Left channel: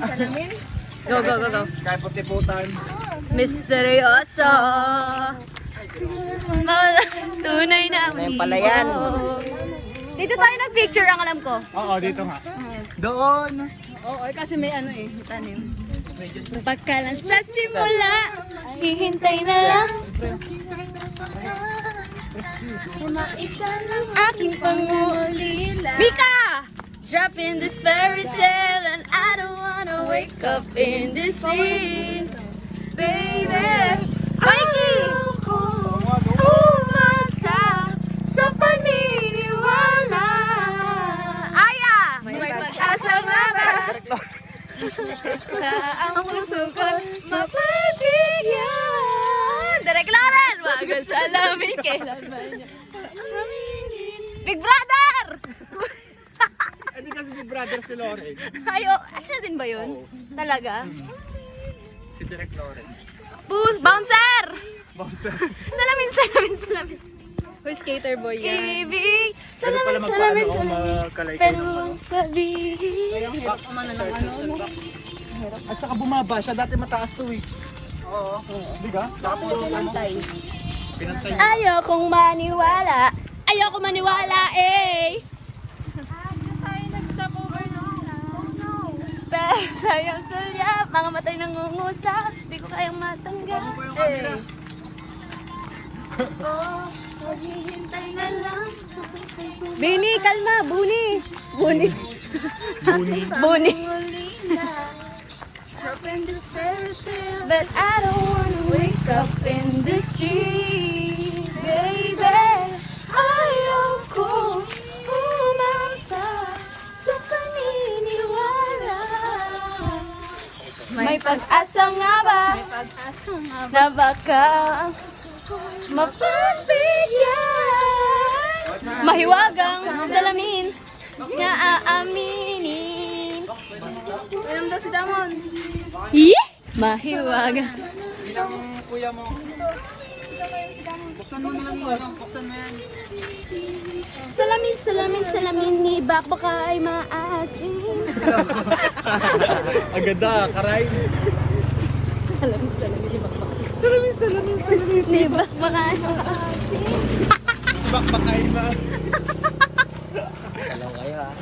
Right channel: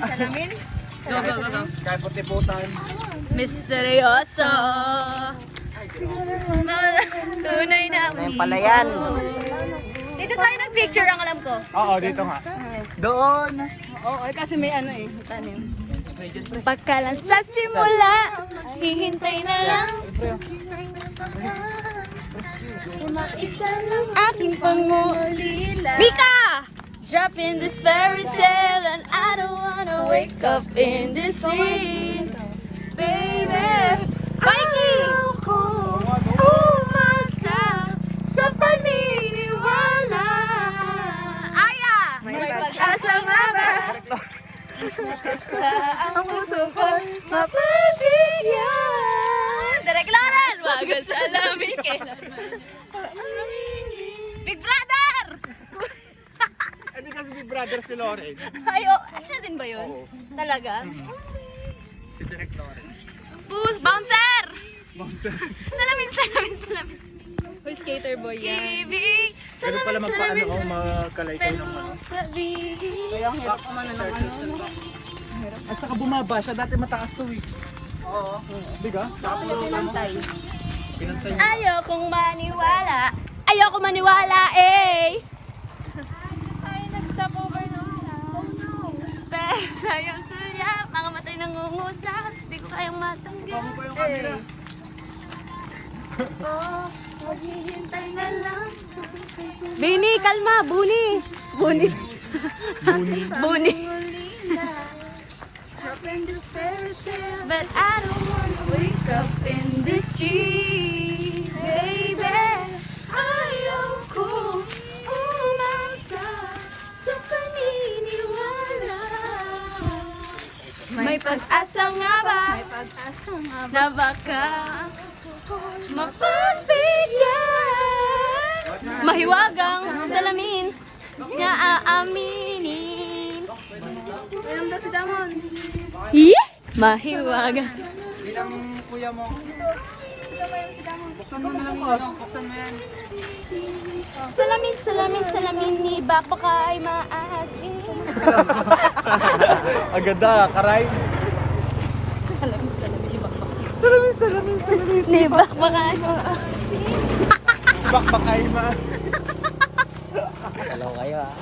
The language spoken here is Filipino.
Salamin? Go, go, go, go. Kaya puti-putan. Misteryoso. Tunay na Ngayon pala yan. Dito tayo nag-picture ang alam ko. Oo, dito nga. Doon. Ay, kasi may ano eh. Tanim. Pagkalang sa simula, hihintay na lang aking pangulila. Mika! Drop in this fairy tale and I don't wanna wake up in this scene. Baby, ayaw ko umasa sa paniniwala. Aya! May pag-asa nga ba? Ang puso ko mapapigyan. Direk Lauren! Wag ang salamin kailanman niya. Big Brother! Ano kasi si brother si Loren? Ayo, siya din ba yun? Talaga? Si Direk Loren. Bouncer! Bouncer. Salamin, salamin, salamin. We're skater boy Ibig, salamin, salamin, Paano salamin. magkalaykay ng Pero sabi, Kaya ang hirap umano ng ano. At saka bumaba siya, dati mataas to eh. Oo. Di ka? Tapos Pinantay. ayokong maniwala. Ayoko maniwala eh. Pero sa'yo sulyap, mga matay nangungusap, di ko kayang matanggap. Maghihintay na lang. Bini, kalma, Buni. Buni. Buni. But I don't wanna wake up in the street, baby. Ayoko umasa sa paniniwala. May pag-asa nga ba? May pag-asa nga ba? Na baka mapapigyan. Mahiwagang salamin na aaminin. Inom daw si Damon. Mahiwagang. bilang kuya mo. Buksan mo na lang yung ano, buksan mo yan. Salamin, salamin, salamin ni Bak baka ay maasin. Agada, karay. Salamin, salamin ni Bak baka. Salamin, salamin, salamin. Ni Bak baka ay maasin. Bakbak ay ma. Hello kayo ah.